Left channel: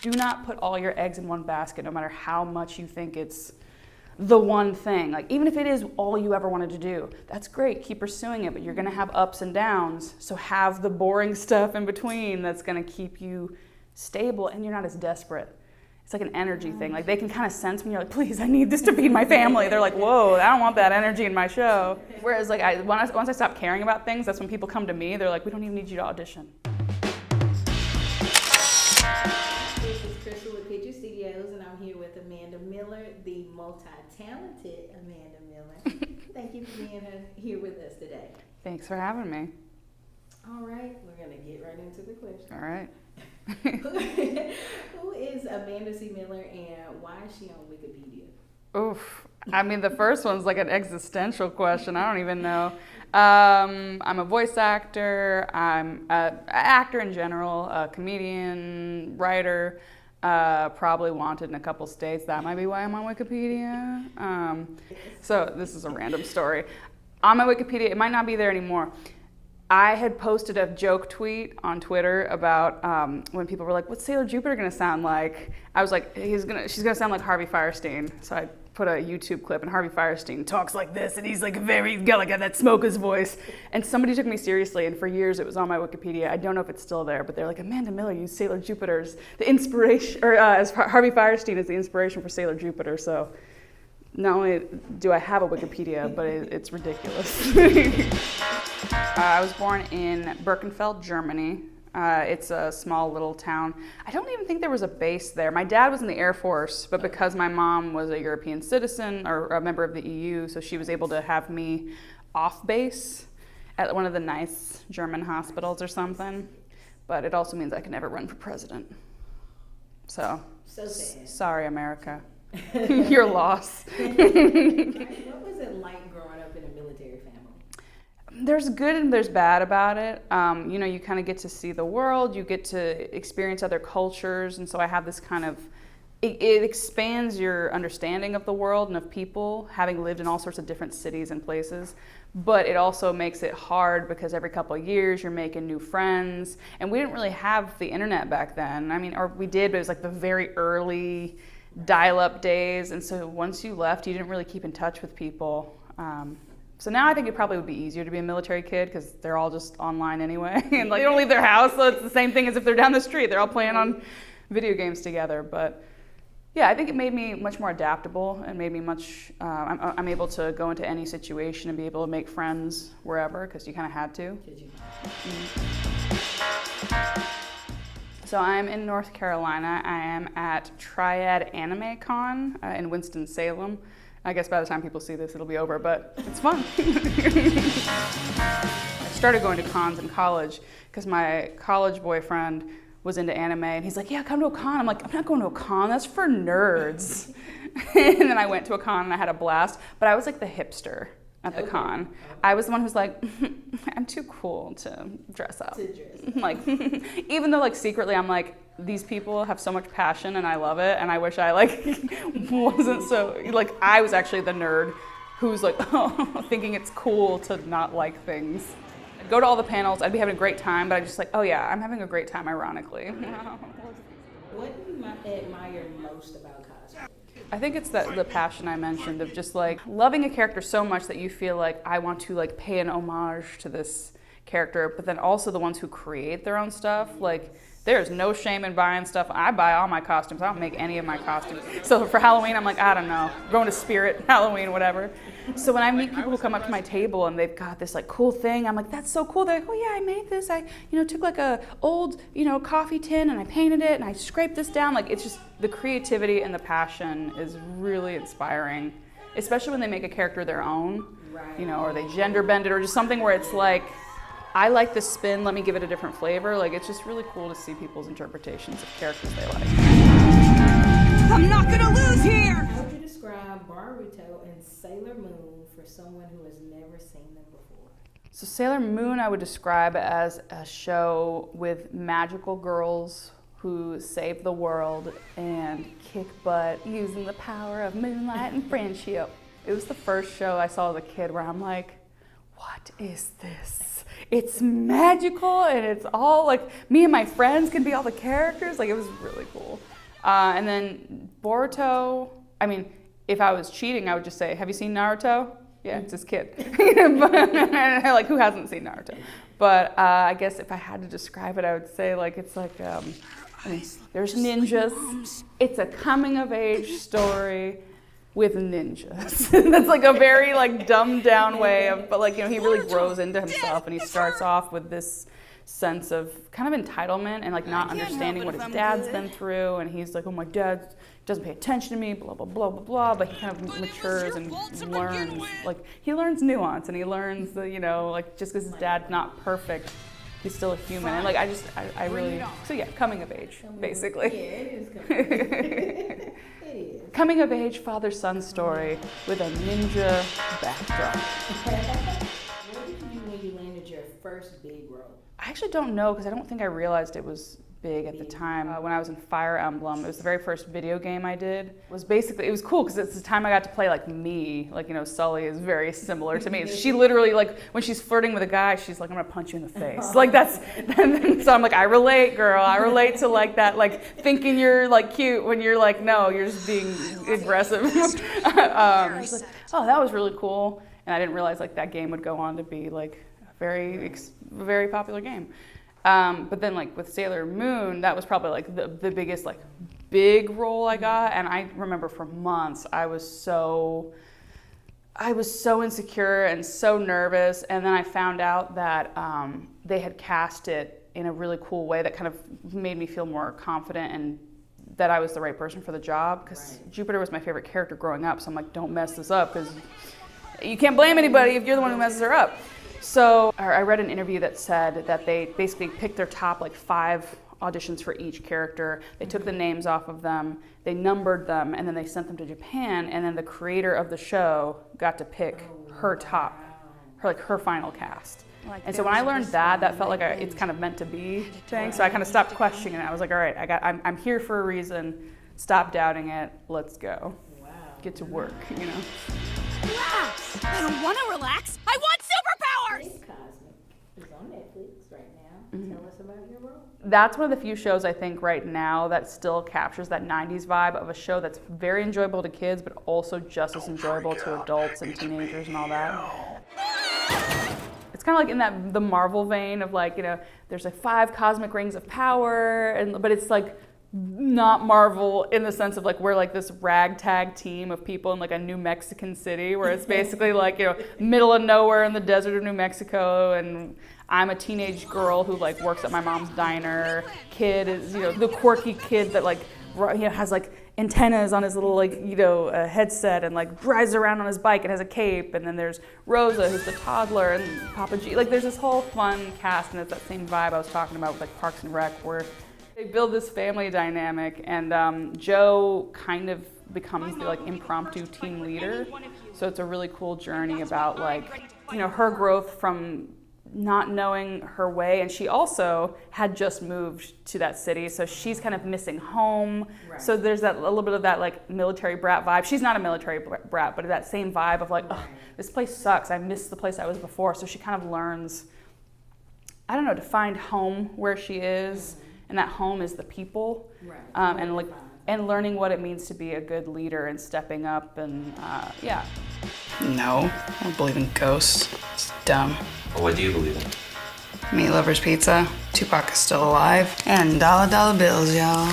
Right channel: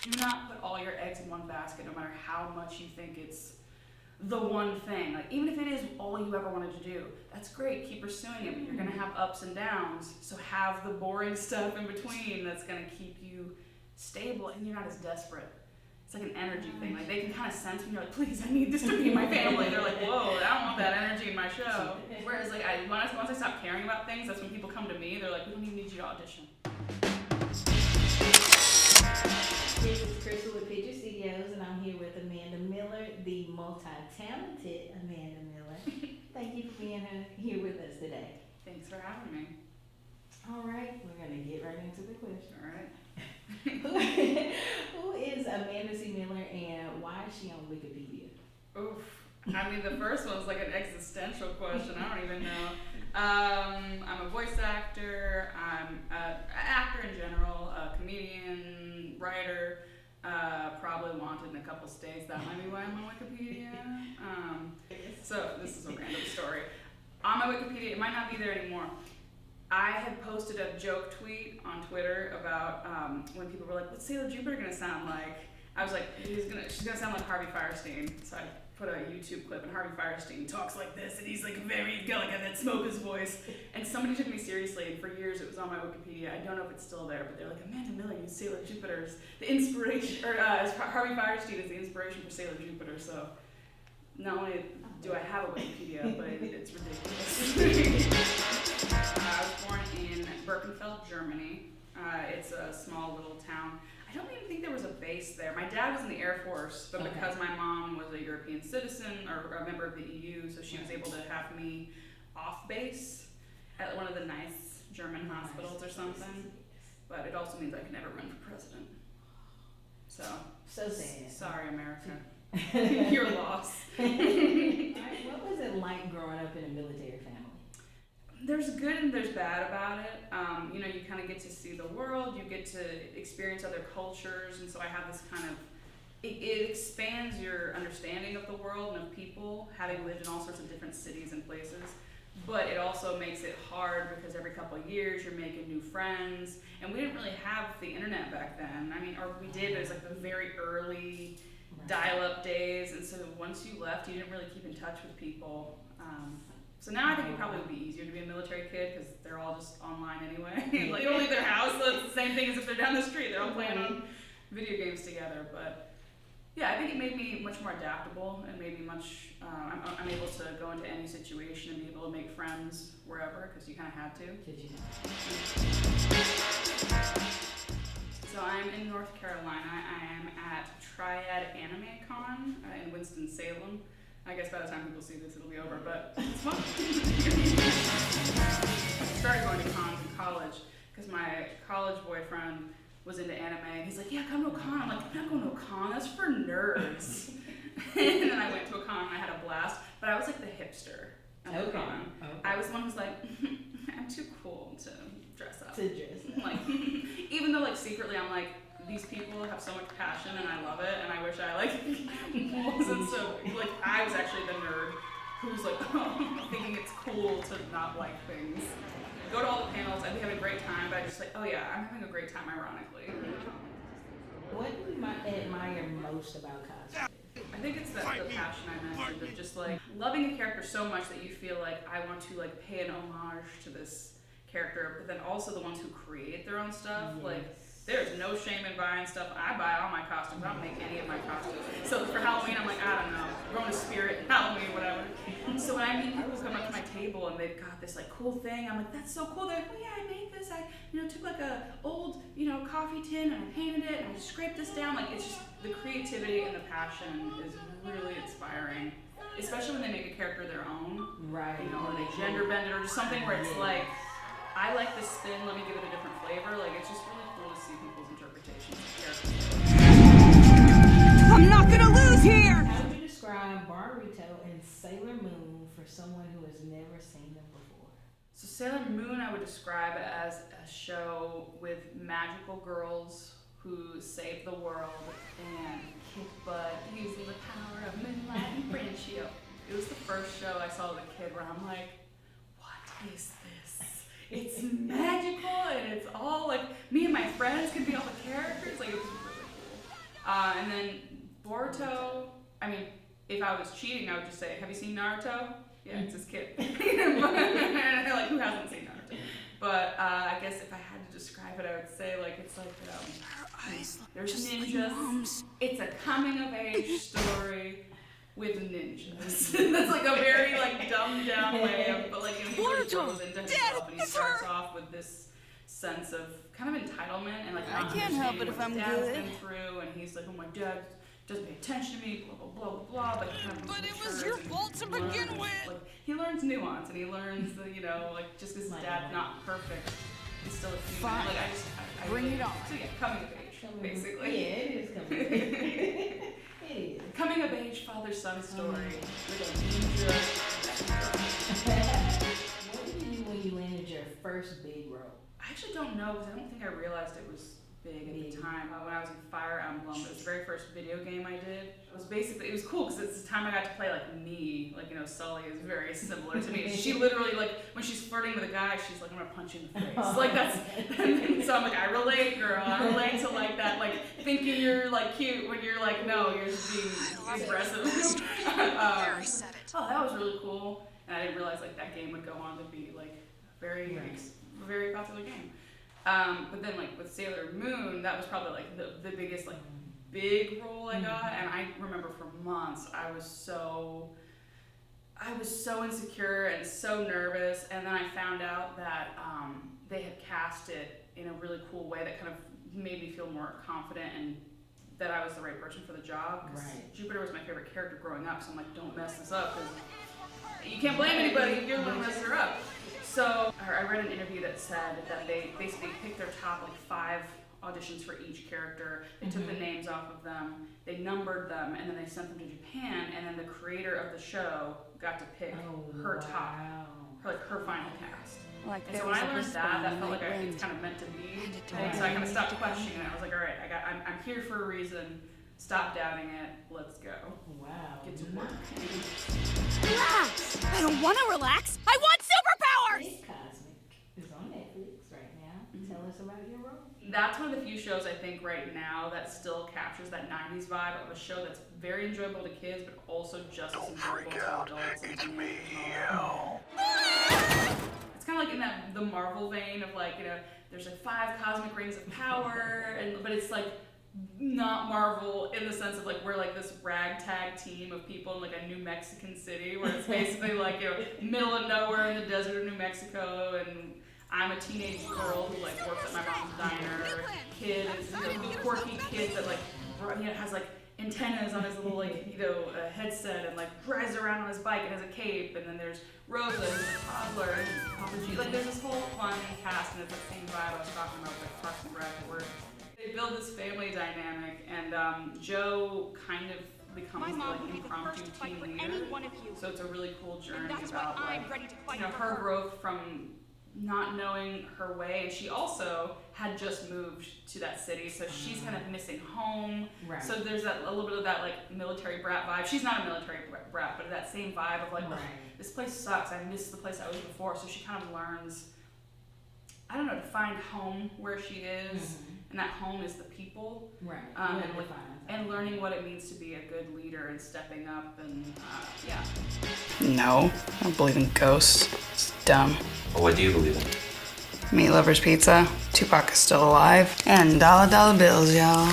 do not put all your eggs in one basket, no matter how much you think it's the one thing. Like, even if it is all you ever wanted to do, that's great, keep pursuing it, but you're gonna have ups and downs, so have the boring stuff in between that's gonna keep you stable and you're not as desperate. It's like an energy thing. Like, they can kind of sense when you're like, please, I need this to feed my family. They're like, whoa, I don't want that energy in my show. Whereas like, once I stop caring about things, that's when people come to me. They're like, we don't even need you to audition. This is Crystal with Picture Studios, and I'm here with Amanda Miller, the multi-talented Amanda Miller. Thank you for being here with us today. Thanks for having me. All right, we're going to get right into the question. All right. Who is Amanda C. Miller, and why is she on Wikipedia? Oof. I mean, the first one's like an existential question. I don't even know. I'm a voice actor. I'm an actor in general, a comedian, writer, probably wanted in a couple states. That might be why I'm on Wikipedia. So this is a random story. On my Wikipedia, it might not be there anymore. I had posted a joke tweet on Twitter about when people were like, what's Sailor Jupiter gonna sound like? I was like, she's gonna sound like Harvey Fierstein. So I put a YouTube clip and Harvey Fierstein talks like this and he's like got like that smoker's voice. And somebody took me seriously, and for years it was on my Wikipedia. I don't know if it's still there, but they're like, Amanda Miller used Sailor Jupiter's the inspiration, or as Harvey Fierstein is the inspiration for Sailor Jupiter. So not only do I have a Wikipedia, but it's ridiculous. I was born in Birkenfeld, Germany. It's a small little town. I don't even think there was a base there. My dad was in the Air Force, but because my mom was a European citizen or a member of the EU, so she was able to have me off base at one of the nice German hospitals or something. But it also means I can never run for president. So sad. Sorry, America. Your loss. What was it like growing up in a military family? There's good and there's bad about it. You kind of get to see the world, you get to experience other cultures, and so I have this kind of, it expands your understanding of the world and of people, having lived in all sorts of different cities and places. But it also makes it hard because every couple of years you're making new friends, and we didn't really have the internet back then. I mean, or we did, but it was like the very early dial-up days, and so once you left, you didn't really keep in touch with people. So now I think it probably would be easier to be a military kid because they're all just online anyway, and like they don't leave their house, so it's the same thing as if they're down the street. They're all playing on video games together. But yeah, I think it made me much more adaptable and made me much. I'm able to go into any situation and be able to make friends wherever because you kind of had to. So I'm in North Carolina. I am at Triad Anime Con in Winston-Salem. I guess by the time people see this, it'll be over, but it's fun. I started going to cons in college because my college boyfriend was into anime, and he's like, yeah, come to a con. I'm like, I'm not going to a con, that's for nerds. And then I went to a con and I had a blast, but I was like the hipster at the con. I was the one who's like, I'm too cool to dress up. Like, even though like secretly I'm like, these people have so much passion and I love it, and I wish I like wasn't so, like I was actually the nerd who's like, oh, thinking it's cool to not like things. Go to all the panels, I'd be having a great time, but I'm just like, oh yeah, I'm having a great time ironically. What do you admire most about cosplay? I think it's the passion I mentioned of just like loving a character so much that you feel like I want to like pay an homage to this character, but then also the ones who create their own stuff, like there's no shame in buying stuff. I buy all my costumes. I don't make any of my costumes. So for Halloween, I'm like, I don't know, going to Spirit, Halloween, whatever. So when I meet people who come up to my table and they've got this like cool thing, I'm like, that's so cool. They're like, oh yeah, I made this. I took like a old coffee tin and I painted it and I scraped this down. Like it's just the creativity and the passion is really inspiring, especially when they make a character their own, or they gender bend it or just something where it's like, I like the spin, let me give it a different flavor. Like, it's just really cool to see people's interpretations of characters they like. I'm not gonna lose here! How would you describe Boruto and Sailor Moon for someone who has never seen them before? So Sailor Moon I would describe as a show with magical girls who save the world and kick butt using the power of moonlight and friendship. It was the first show I saw as a kid where I'm like, what is this? it's magical and it's all like me and my friends can be all the characters. Like it was really cool. And then Boruto, I mean, if I was cheating, I would just say, have you seen Naruto? Yeah, it's this kid. Like, who hasn't seen Naruto? But I guess if I had to describe it, I would say like it's like there's ninjas. It's a coming of age story with ninjas. That's like a very like dumbed down way of, but like, you know, he really grows into himself and he starts off with this sense of kind of entitlement and like not understanding what his dad's been through, and he's like, oh, my dad doesn't pay attention to me, blah blah blah blah blah, but he kind of matures and learns, like he learns nuance and he learns the, you know, like just because his dad's not perfect, he's still a human. And like I really, so yeah, coming of age basically. Yeah, it is coming of age. It is. Coming of age father-son story with a ninja backdrop. What did you do when you landed your first big role? I actually don't know because I don't think I realized it was big at the time. When I was in Fire Emblem, it was the very first video game I did. It was basically, it was cool because it's the time I got to play like me. Like, you know, Sully is very similar to me. She literally, like, when she's flirting with a guy, she's like, I'm gonna punch you in the face. Like that's, so I'm like, I relate, girl. I relate to like that, like thinking you're like cute when you're like, no, you're just being aggressive. Oh, that was really cool. And I didn't realize like that game would go on to be like a very popular game. But then like with Sailor Moon, that was probably like the biggest like big role I got. And I remember for months I was so insecure and so nervous. And then I found out that they had cast it in a really cool way that kind of made me feel more confident and that I was the right person for the job. Because Jupiter was my favorite character growing up. So I'm like, don't mess this up, because you can't blame anybody if you're the one who messes her up. So I read an interview that said that they basically picked their top like 5 auditions for each character. They took the names off of them, they numbered them, and then they sent them to Japan. And then the creator of the show got to pick her top, her final cast. Like, and so when I learned that felt like it's kind of meant to be thing. So I kind of stopped questioning it. I was like, all right, I'm here for a reason. Stop doubting it. Let's go. Get to work, you know. Relax! I don't want to relax. I want superpowers! Cosmic is on Netflix right now. Tell us about your role. That's one of the few shows I think right now that still captures that 90s vibe of a show that's very enjoyable to kids, but also just as enjoyable to adults and teenagers and all that. It's kind of like in the Marvel vein of like, you know, there's like 5 cosmic rings of power, but it's like not Marvel in the sense of like we're like this ragtag team of people in like a New Mexican city where it's basically like, you know, middle of nowhere in the desert of New Mexico, and I'm a teenage girl who like works at my mom's diner. Kid is, you know, the quirky kid that like, you know, has like antennas on his little like, you know, headset and like rides around on his bike and has a cape. And then there's Rosa, who's the toddler, and Papa G. Like there's this whole fun cast, and it's that same vibe I was talking about with like Parks and Rec, where they build this family dynamic, and Joe kind of becomes the like impromptu team leader. So it's a really cool journey about like, you know, her growth from not knowing her way, and she also had just moved to that city, so she's kind of missing home. Right. So there's that a little bit of that like military brat vibe. She's not a military brat, but that same vibe of like, oh, this place sucks. I miss the place I was before. So she kind of learns, I don't know, to find home where she is. And that home is the people, and like, and learning what it means to be a good leader and stepping up, and yeah. No, I don't believe in ghosts. It's dumb. Well, what do you believe in? Meat Lover's Pizza. Tupac is still alive. And dollar bills, y'all.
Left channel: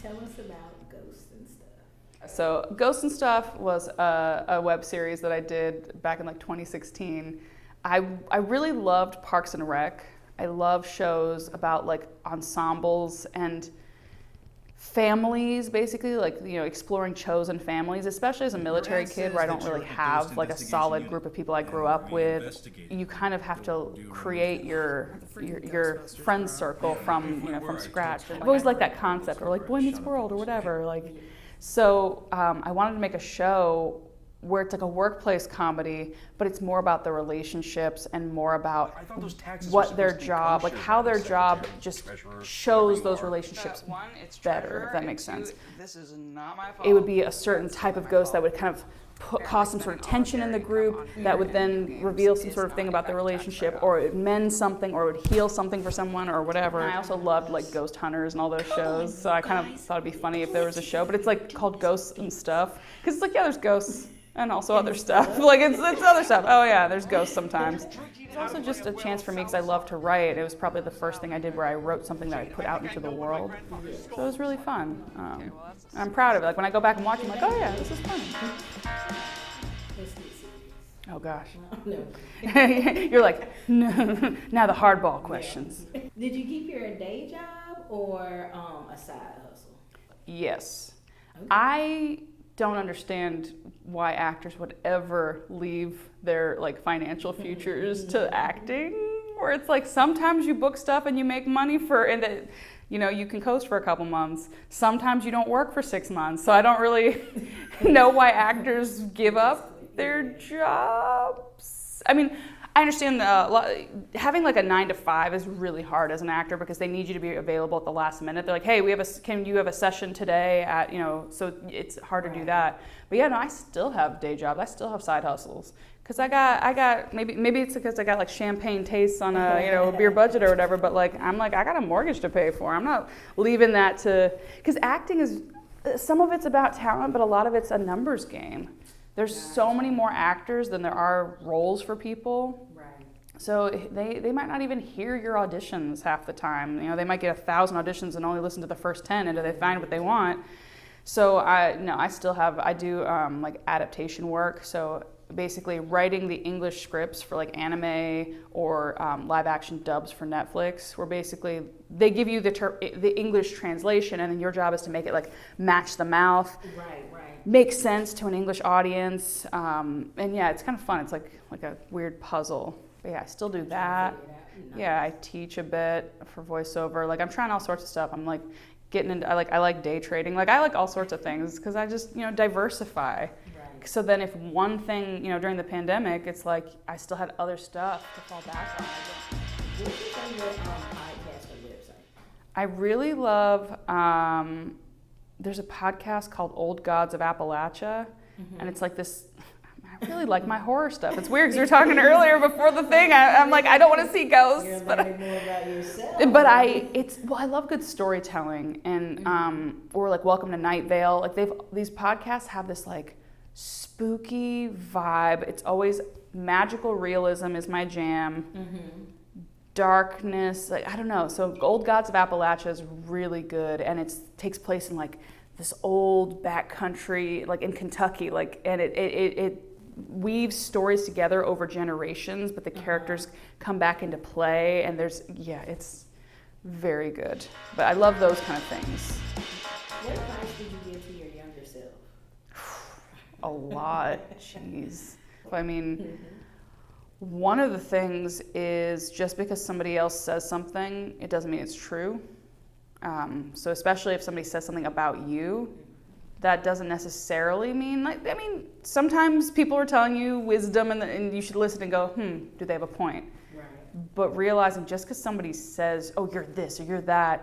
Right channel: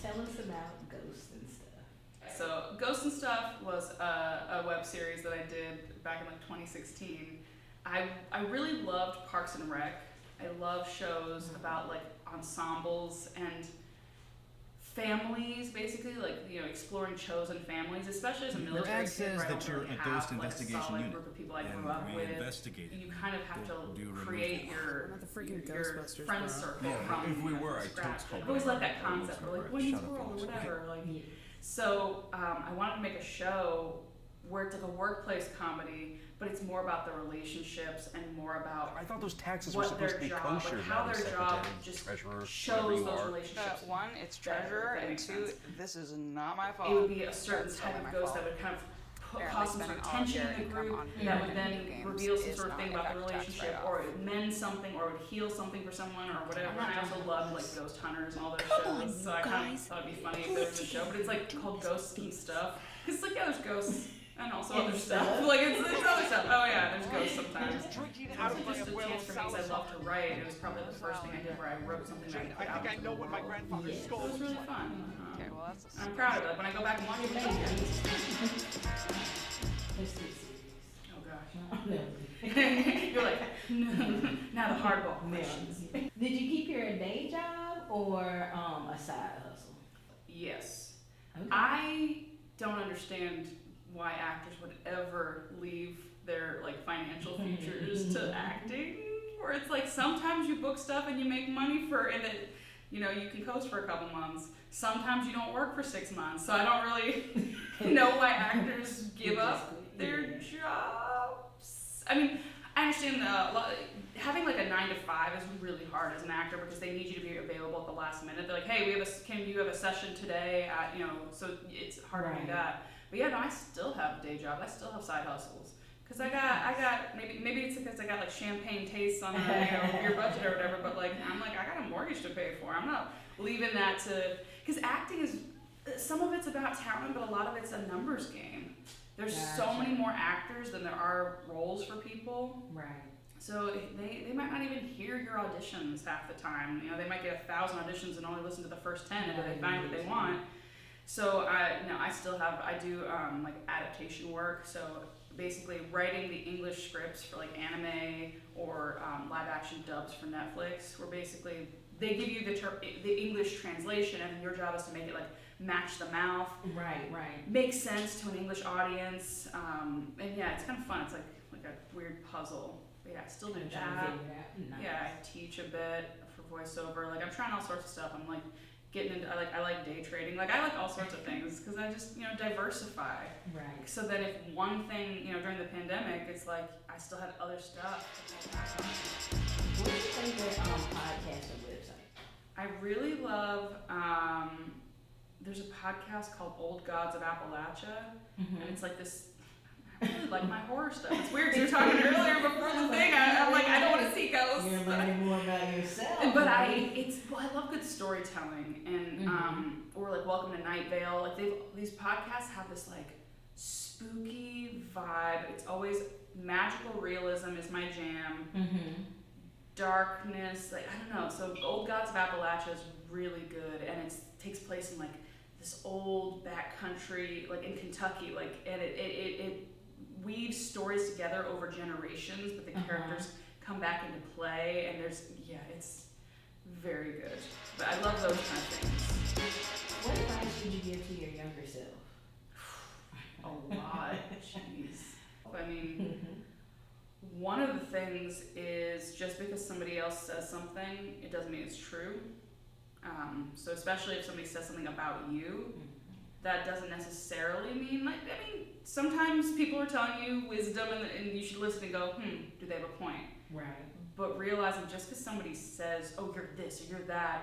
Tell us about Ghosts and Stuff. So Ghosts and Stuff was a web series that I did back in like 2016. I really loved Parks and Rec. I love shows about like ensembles and families, basically, like, you know, exploring chosen families, especially as a military kid where I don't really have like a solid group of people I grew up with. You kind of have to create your friend circle from, you know, from scratch. I've always liked that concept, or like Boy Meets World or whatever. Like, so I wanted to make a show where it's like a workplace comedy, but it's more about the relationships and more about what their job, like how their job just shows those relationships. One, it's better, treasurer, if that makes and 2, sense. this is not my fault. It would be a certain type of ghost that would kind of cause some sort of tension in the group that would then reveal some sort of thing about the relationship, or it mend something, or it would heal something for someone, or whatever. And I also loved like Ghost Hunters and all those shows, so I kind of thought it'd be funny if there was a show, but it's like called Ghosts and Stuff, because it's like, yeah, there's ghosts and also other stuff. Like it's other stuff. Oh yeah, there's ghosts sometimes. It's also just a chance for me because I love to write. It was probably the first thing I did where I wrote something that I put out into the world. So it was really fun. And I'm proud of it. Like when I go back and watch it, I'm like, oh yeah, this is fun. Oh gosh. You're like, no. Now the hardball questions. Did you keep your day job or a side hustle? Yes. Okay. I don't understand why actors would ever leave their like financial futures to acting, where it's like sometimes you book stuff and you make money and that, you know, you can coast for a couple months. Sometimes you don't work for 6 months. So I don't really know why actors give up their jobs. I mean, I understand having like a 9 to 5 is really hard as an actor because they need you to be available at the last minute. They're like, hey, can you have a session today at, you know, so it's hard to do that. But yeah, no, I still have day jobs. I still have side hustles. Cause I got maybe it's because I got like champagne tastes on a beer budget or whatever. But like I'm like I got a mortgage to pay for. I'm not leaving that to, because acting is, some of it's about talent, but a lot of it's a numbers game. There's so many more actors than there are roles for people. Right. So they might not even hear your auditions half the time. You know, they might get 1,000 auditions and only listen to the first 10 until they find what they want. So I do like adaptation work. So basically writing the English scripts for like anime or live action dubs for Netflix, where basically they give you the English translation, and then your job is to make it like match the mouth, make sense to an English audience, and yeah, it's kind of fun. It's like a weird puzzle. But yeah, I still do that. Yeah, I teach a bit for voiceover. Like I'm trying all sorts of stuff. I'm like getting into, I like day trading. Like I like all sorts of things because I just, you know, diversify. Right. So then if one thing, you know, during the pandemic, it's like I still had other stuff to fall back on. What is your podcast or website? I really love, there's a podcast called Old Gods of Appalachia, and it's like this, I really like my horror stuff. It's weird because you were talking earlier before the thing. I'm like, I don't want to see ghosts. You're learning more about yourself. But I love good storytelling, and or like Welcome to Night Vale. Like these podcasts have this like spooky vibe. It's always magical realism is my jam. Darkness, like I don't know. So Old Gods of Appalachia is really good, and it takes place in like this old backcountry, like in Kentucky, like, and it weaves stories together over generations, but the characters come back into play, and it's very good. But I love those kind of things. What advice do you give to your younger self? A lot. Jeez. I mean, one of the things is just because somebody else says something, it doesn't mean it's true. So especially if somebody says something about you, that doesn't necessarily mean, like, I mean, sometimes people are telling you wisdom and you should listen and go, do they have a point? Right. But realizing just because somebody says, oh, you're this or you're that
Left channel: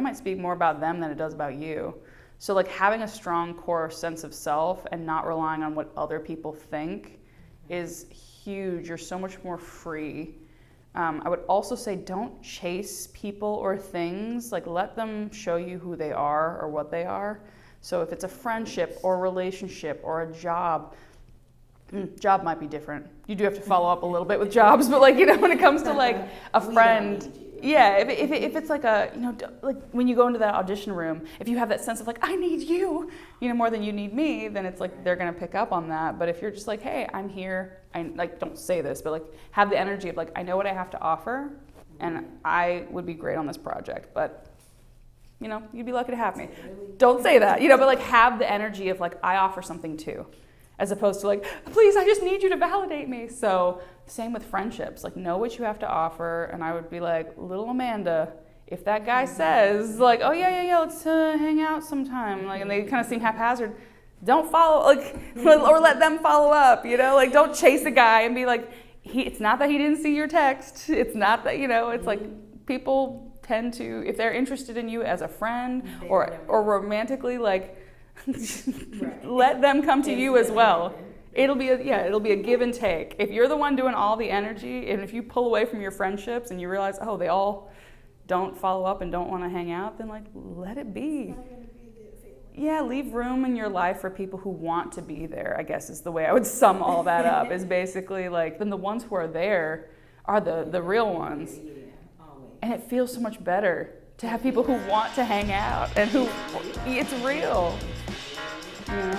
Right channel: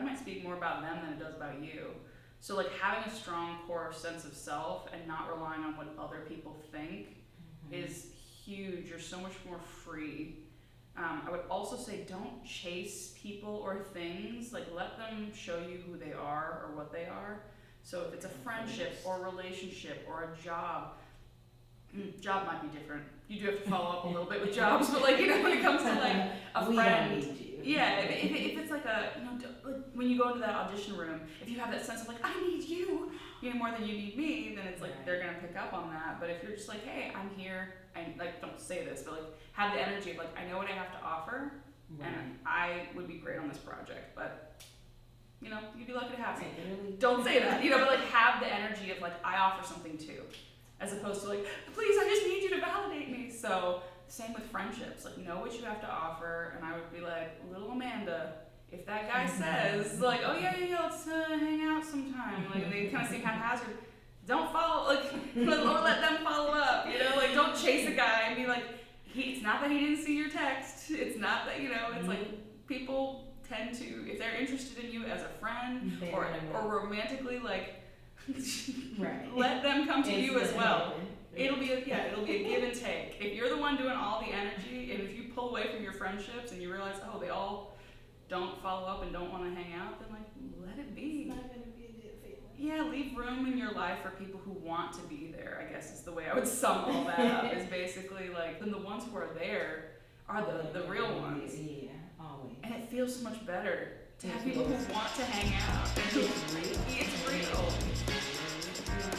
might speak more about them than it does about you. So like having a strong core sense of self and not relying on what other people think is huge. You're so much more free. I would also say don't chase people or things. Like let them show you who they are or what they are. So if it's a friendship or a relationship or a job might be different. You do have to follow up a little bit with jobs, but like, you know, when it comes to like a friend, yeah, if it's like a, you know, like when you go into that audition room, if you have that sense of like, I need you, you know, more than you need me, then it's like they're gonna pick up on that. But if you're just like, hey, I'm here, I like, don't say this, but like have the energy of like, I know what I have to offer, and I would be great on this project, but you know, you'd be lucky to have me. Don't say that, you know, but like have the energy of like, I offer something too, as opposed to like, please, I just need you to validate me. So same with friendships, like know what you have to offer. And I would be like, little Amanda, if that guy says like, oh yeah, let's hang out sometime, like, and they kind of seem haphazard, don't follow, like, or let them follow up, you know, like don't chase a guy and be like, it's not that he didn't see your text. It's not that, you know, it's like people tend to, if they're interested in you as a friend or romantically, like Right. Let them come to And you as let well. them. It'll be a give and take. If you're the one doing all the energy, and if you pull away from your friendships and you realize, oh, they all don't follow up and don't want to hang out, then like let it be. It's not gonna be a good feeling. Yeah, leave room in your life for people who want to be there, I guess is the way I would sum all that up. Is basically like, then the ones who are there are the real ones. Yeah, always. And it feels so much better to have people who want to hang out and who, it's real, you know?